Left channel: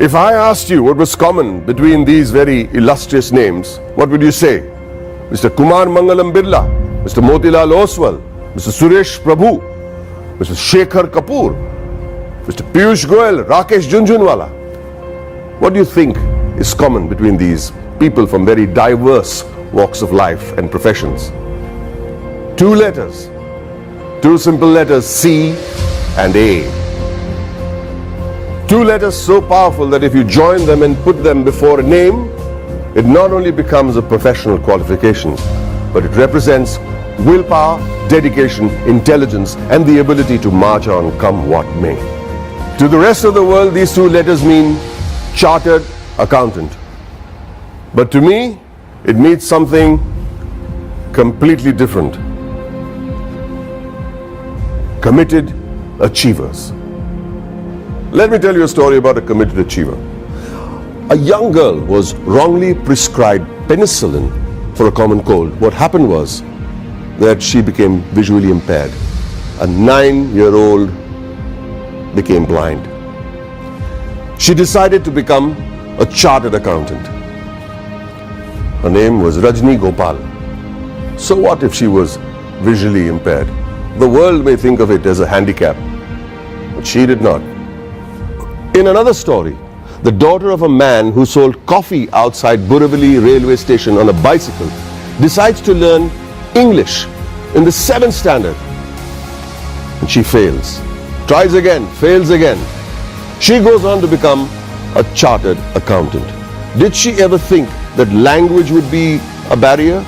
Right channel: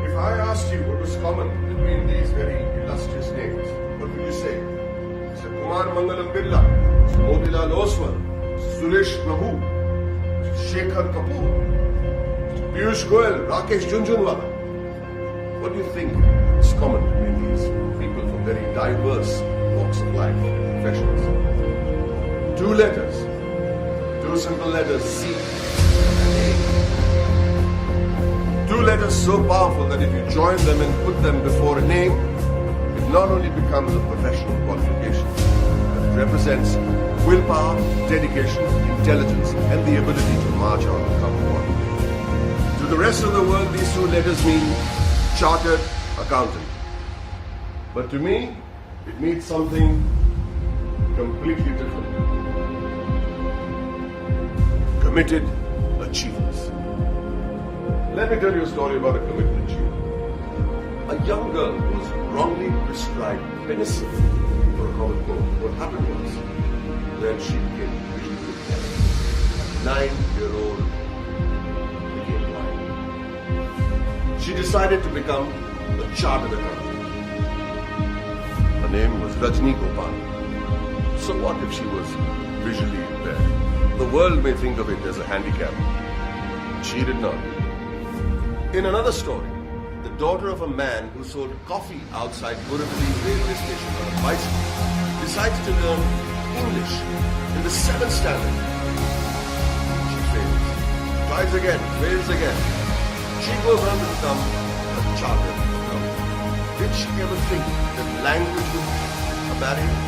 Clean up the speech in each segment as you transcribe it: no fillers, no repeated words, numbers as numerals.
If I asked you what was common between these very illustrious names, what would you say? Mr. Kumar Mangalam Birla, Mr. Motilal Oswal, Mr. Suresh Prabhu, Mr. Shekhar Kapoor, Mr. Piyush Goyal, Rakesh Junjunwala. What do you think is common between these people from very diverse walks of life and professions? Two letters, two simple letters, C and A. Two letters so powerful that if you join them and put them before a name, it not only becomes a professional qualification, but it represents willpower, dedication, intelligence, and the ability to march on come what may. To the rest of the world, these two letters mean chartered accountant. But to me, it means something completely different. Committed achievers. Let me tell you a story about a committed achiever. A young girl was wrongly prescribed penicillin for a common cold. What happened was that she became visually impaired. A 9-year-old became blind. She decided to become a chartered accountant. Her name was Rajni Gopal. So what if she was visually impaired? The world may think of it as a handicap, but she did not. In another story, the daughter of a man who sold coffee outside Borivali railway station on a bicycle decides to learn English in the 7th standard. And she fails. Tries again, fails again. She goes on to become a chartered accountant. Did she ever think that language would be a barrier?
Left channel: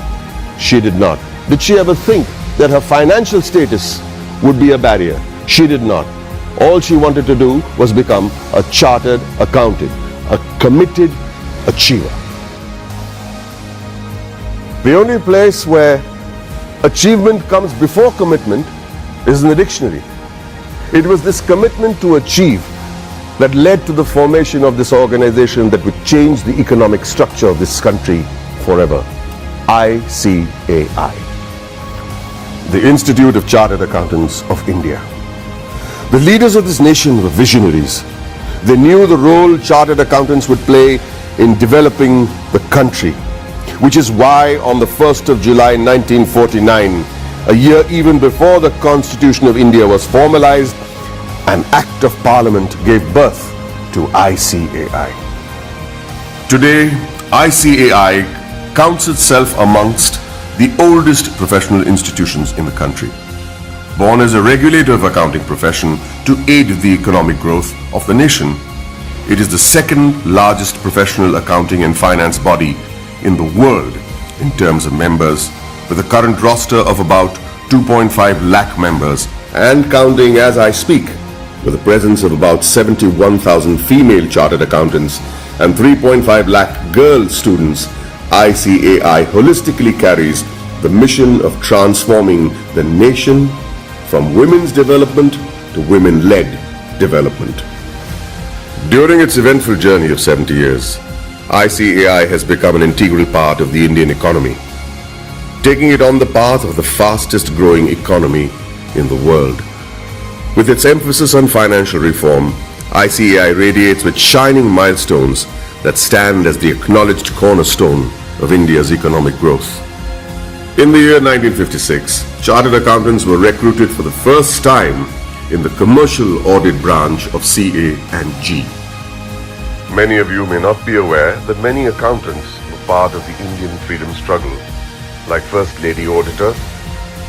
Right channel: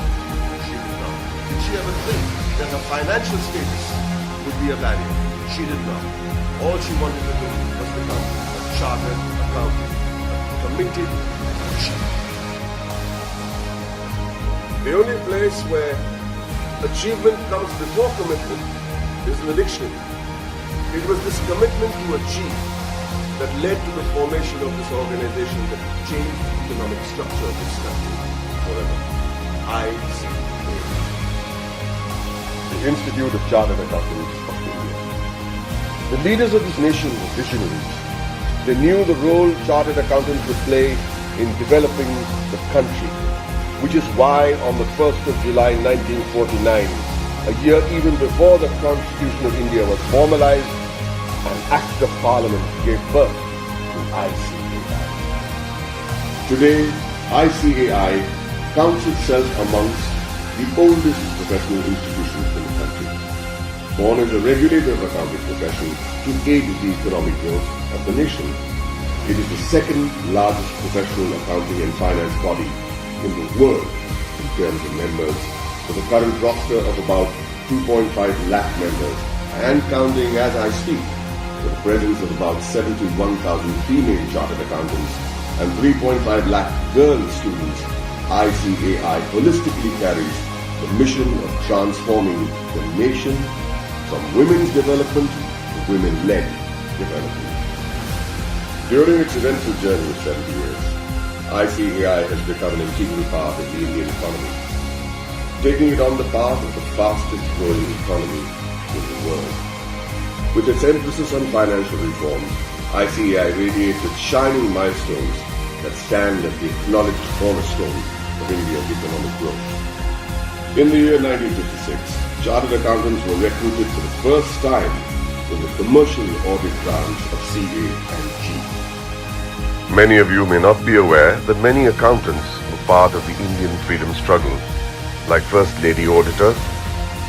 She did not. Did she ever think that her financial status would be a barrier? She did not. All she wanted to do was become a chartered accountant, a committed achiever. The only place where achievement comes before commitment is in the dictionary. It was this commitment to achieve that led to the formation of this organization that would change the economic structure of this country forever. ICAI, the Institute of Chartered Accountants of India. The leaders of this nation were visionaries. They knew the role chartered accountants would play in developing the country, which is why on the 1st of July 1949, a year even before the Constitution of India was formalized, an Act of Parliament gave birth to ICAI. Today, ICAI counts itself amongst the oldest professional institutions in the country. Born as a regulator of accounting profession to aid the economic growth of the nation, it is the second largest professional accounting and finance body in the world in terms of members, with a current roster of about 2.5 lakh members and counting as I speak, with a presence of about 71,000 female chartered accountants and 3.5 lakh girl students. ICAI holistically carries the mission of transforming the nation from women's development to women-led development. During its eventful journey of 70 years, ICAI has become an integral part of the Indian economy, taking it on the path of the fastest growing economy in the world. With its emphasis on financial reform, ICAI radiates with shining milestones that stand as the acknowledged cornerstone of India's economic growth. In the year 1956, chartered accountants were recruited for the first time in the commercial audit branch of CA and G. Many of you may not be aware that many accountants were part of the Indian freedom struggle, like First Lady Auditor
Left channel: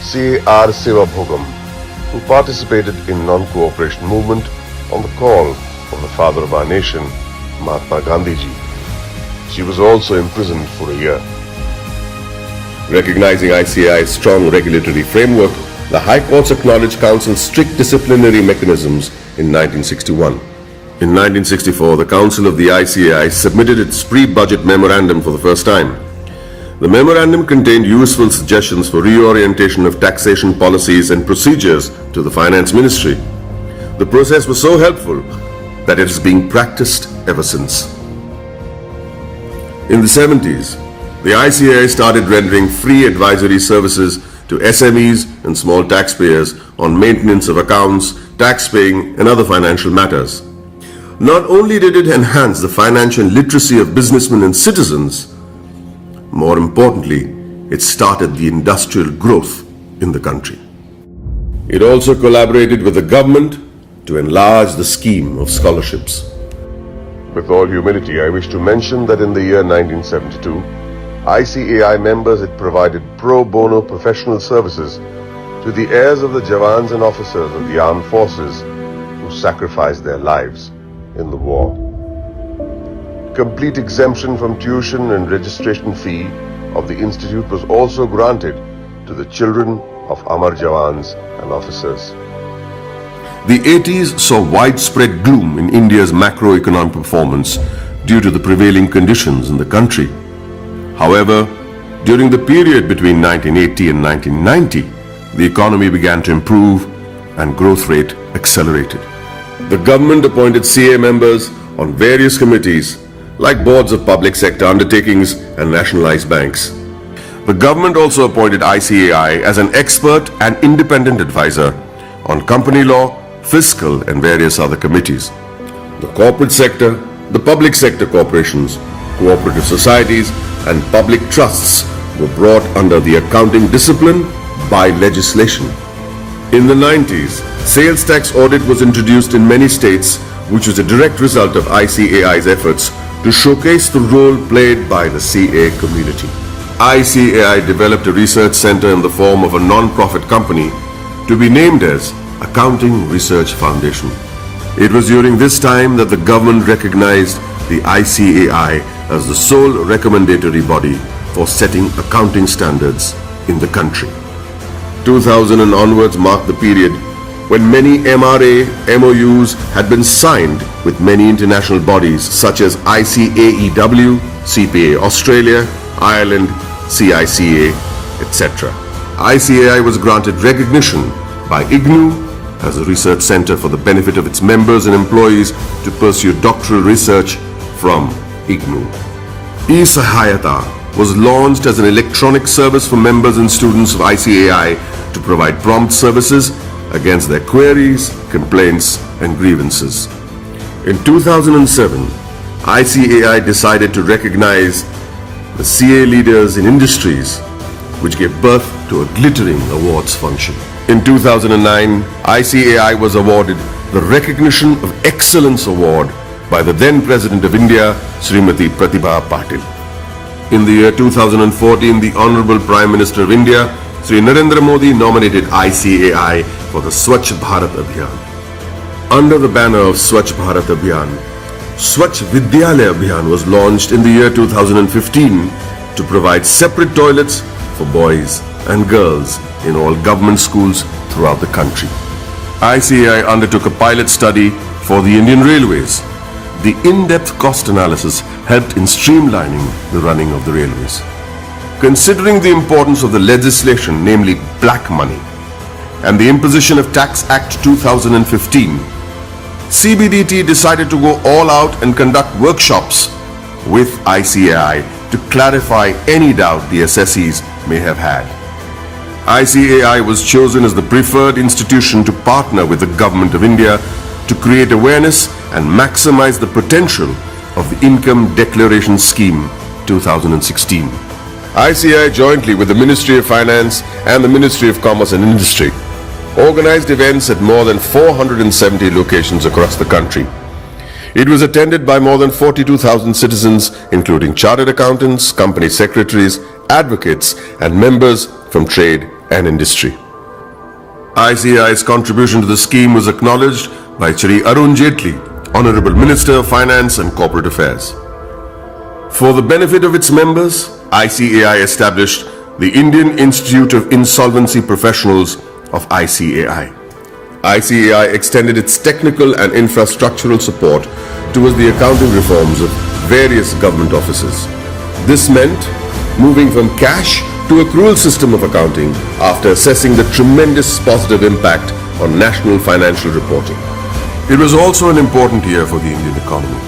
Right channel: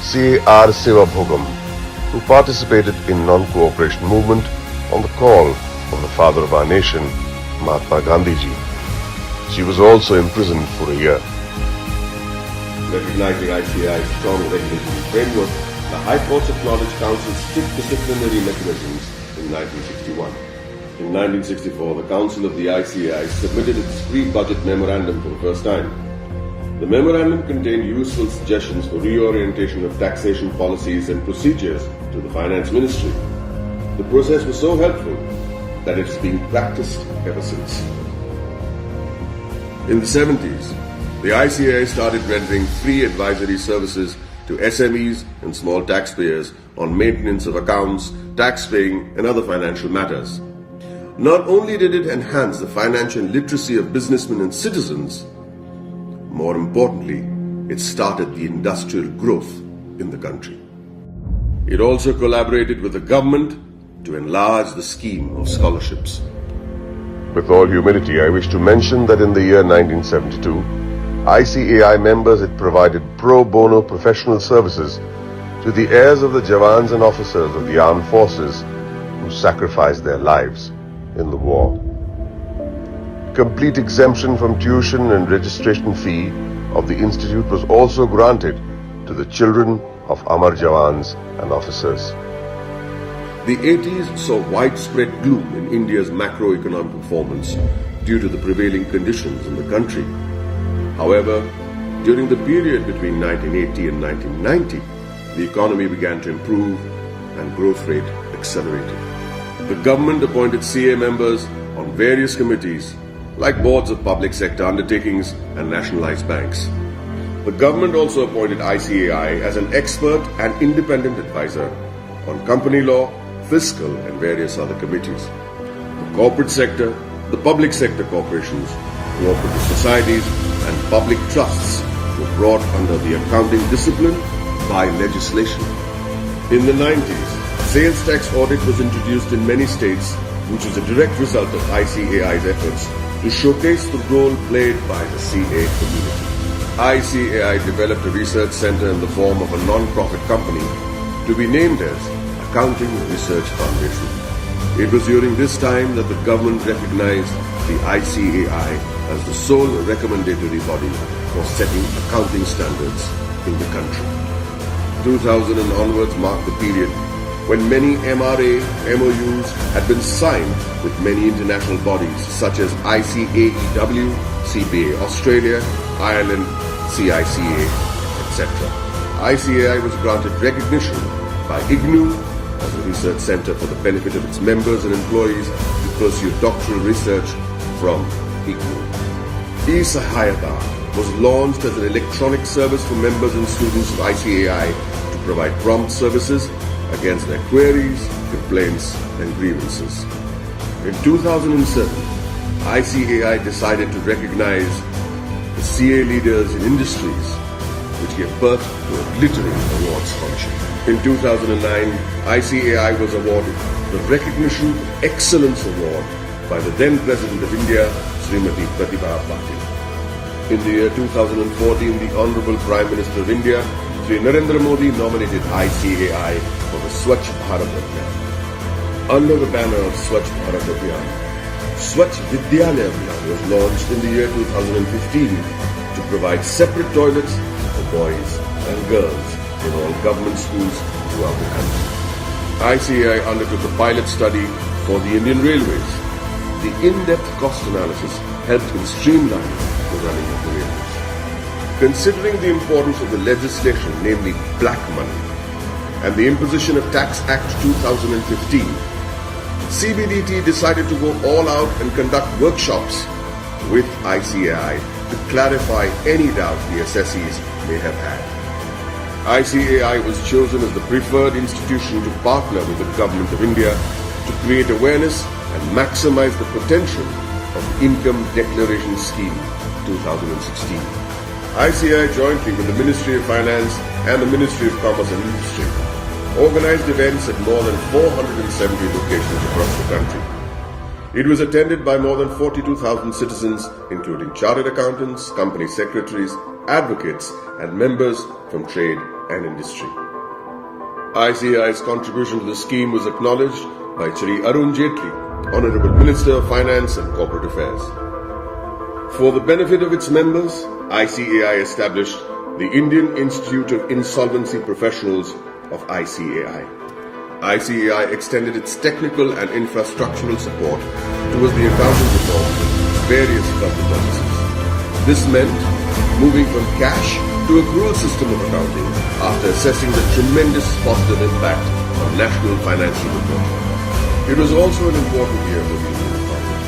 C.R. Sivabhogam, who participated in non-cooperation movement on the call of the father of our nation, Mahatma Gandhiji. She was also imprisoned for a year. Recognizing ICAI's strong regulatory framework, the High Courts acknowledged Council's strict disciplinary mechanisms in 1961. In 1964, the Council of the ICAI submitted its pre-budget memorandum for the first time. The memorandum contained useful suggestions for reorientation of taxation policies and procedures to the Finance Ministry. The process was so helpful that it is being practiced ever since. In the 70s, the ICAI started rendering free advisory services to SMEs and small taxpayers on maintenance of accounts, tax paying, and other financial matters. Not only did it enhance the financial literacy of businessmen and citizens, more importantly, it started the industrial growth in the country. It also collaborated with the government to enlarge the scheme of scholarships. With all humility, I wish to mention that in the year 1972, ICAI members had provided pro bono professional services to the heirs of the Jawans and officers of the armed forces who sacrificed their lives in the war. Complete exemption from tuition and registration fee of the institute was also granted to the children of Amar Jawans and officers. The 80s saw widespread gloom in India's macroeconomic performance due to the prevailing conditions in the country. However, during the period between 1980 and 1990, the economy began to improve and growth rate accelerated. The government appointed CA members on various committees like boards of public sector undertakings and nationalized banks. The government also appointed ICAI as an expert and independent advisor on company law, fiscal and various other committees. The corporate sector, the public sector corporations, cooperative societies and public trusts were brought under the accounting discipline by legislation. In the 90s, sales tax audit was introduced in many states, which was a direct result of ICAI's efforts to showcase the role played by the CA community. ICAI developed a research center in the form of a non-profit company to be named as Accounting Research Foundation. It was during this time that the government recognized the ICAI as the sole recommendatory body for setting accounting standards in the country. 2000 and onwards marked the period when many MRA MOUs had been signed with many international bodies such as ICAEW, CPA Australia, Ireland, CICA, etc. ICAI was granted recognition by IGNU as a research center for the benefit of its members and employees to pursue doctoral research from IGNU. eSahayata was launched as an electronic service for members and students of ICAI to provide prompt services against their queries, complaints, and grievances. In 2007, ICAI decided to recognize the CA leaders in industries, which gave birth to a glittering awards function. In 2009, ICAI was awarded the Recognition of Excellence Award by the then President of India, Srimati Pratibha Patil. In the year 2014, the Honorable Prime Minister of India, Sri Narendra Modi, nominated ICAI for the Swachh Bharat Abhiyan. Under the banner of Swachh Bharat Abhiyan, Swachh Vidyalaya Abhiyan was launched in the year 2015 to provide separate toilets for boys and girls in all government schools throughout the country. ICAI undertook a pilot study for the Indian Railways. The in-depth cost analysis helped in streamlining the running of the railways. Considering the importance of the legislation, namely black money, and the imposition of Tax Act 2015, CBDT decided to go all out and conduct workshops with ICAI to clarify any doubt the assessees may have had. ICAI was chosen as the preferred institution to partner with the Government of India to create awareness and maximize the potential of the Income Declaration Scheme 2016. ICAI, jointly with the Ministry of Finance and the Ministry of Commerce and Industry, organized events at more than 470 locations across the country. It was attended by more than 42,000 citizens, including chartered accountants, company secretaries, advocates, and members from trade and industry. ICAI's contribution to the scheme was acknowledged by Shri Arun Jaitley, Honorable Minister of Finance and Corporate Affairs. For the benefit of its members, ICAI established the Indian Institute of Insolvency Professionals of ICAI. ICAI extended its technical and infrastructural support towards the accounting reforms of various government offices. This meant moving from cash to accrual system of accounting after assessing the tremendous positive impact on national financial reporting. It was also an important year for the Indian economy,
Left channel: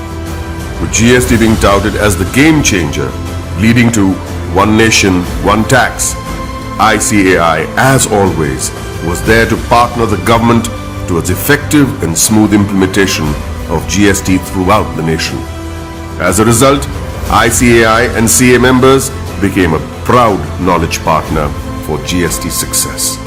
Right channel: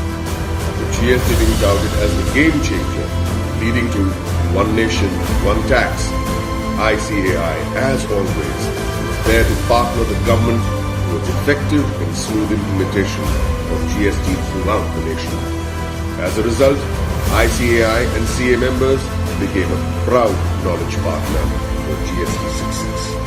with GST being touted as the game changer, leading to one nation, one tax. ICAI, as always, was there to partner the government towards effective and smooth implementation of GST throughout the nation. As a result, ICAI and CA members became a proud knowledge partner for GST success.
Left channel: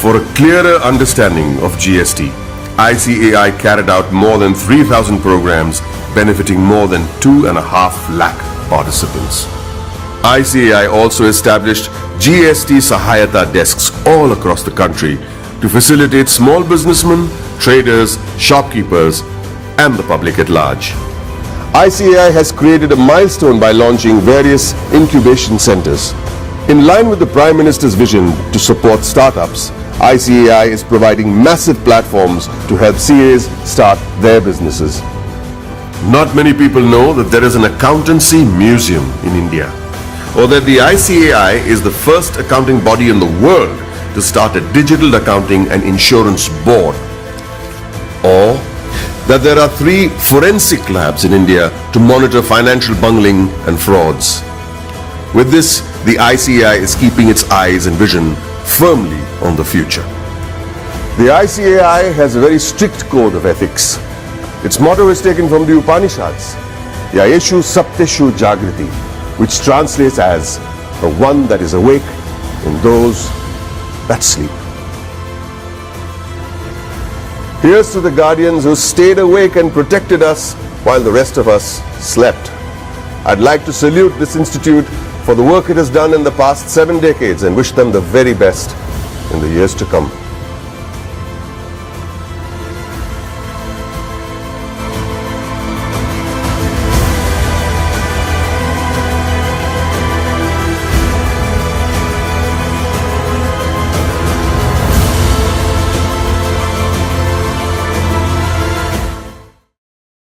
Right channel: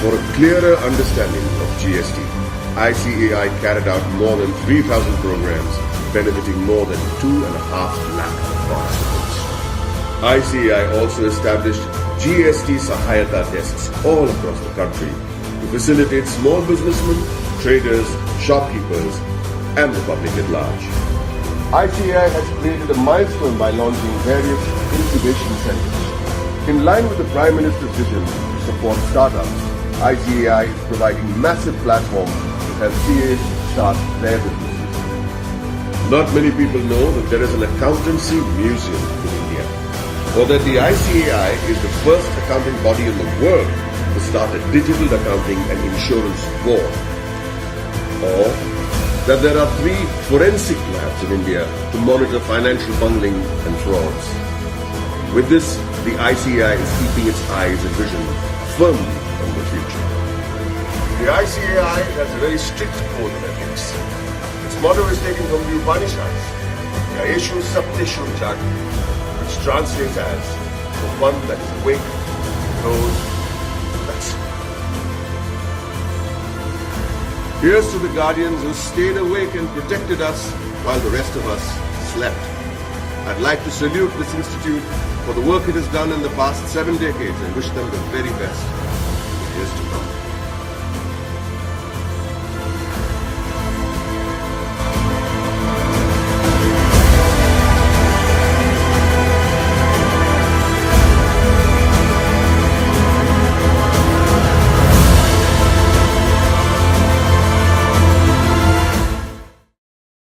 For a clearer understanding of GST, ICAI carried out more than 3,000 programs benefiting more than 2.5 lakh participants. ICAI also established GST Sahayata desks all across the country to facilitate small businessmen, traders, shopkeepers, and the public at large. ICAI has created a milestone by launching various incubation centers. In line with the Prime Minister's vision to support startups, ICAI is providing massive platforms to help CAs start their businesses. Not many people know that there is an accountancy museum in India, or that the ICAI is the first accounting body in the world to start a digital accounting and insurance board, or that there are 3 forensic labs in India to monitor financial bungling and frauds. With this, the ICAI is keeping its eyes and vision firmly on the future. The ICAI has a very strict code of ethics. Its motto is taken from the Upanishads, Yayeshu Sapteshu Jagriti, which translates as the one that is awake in those that sleep. Here's to the guardians who stayed awake and protected us while the rest of us slept. I'd like to salute this institute for the work it has done in the past 7 decades and wish them the very best in the years to come.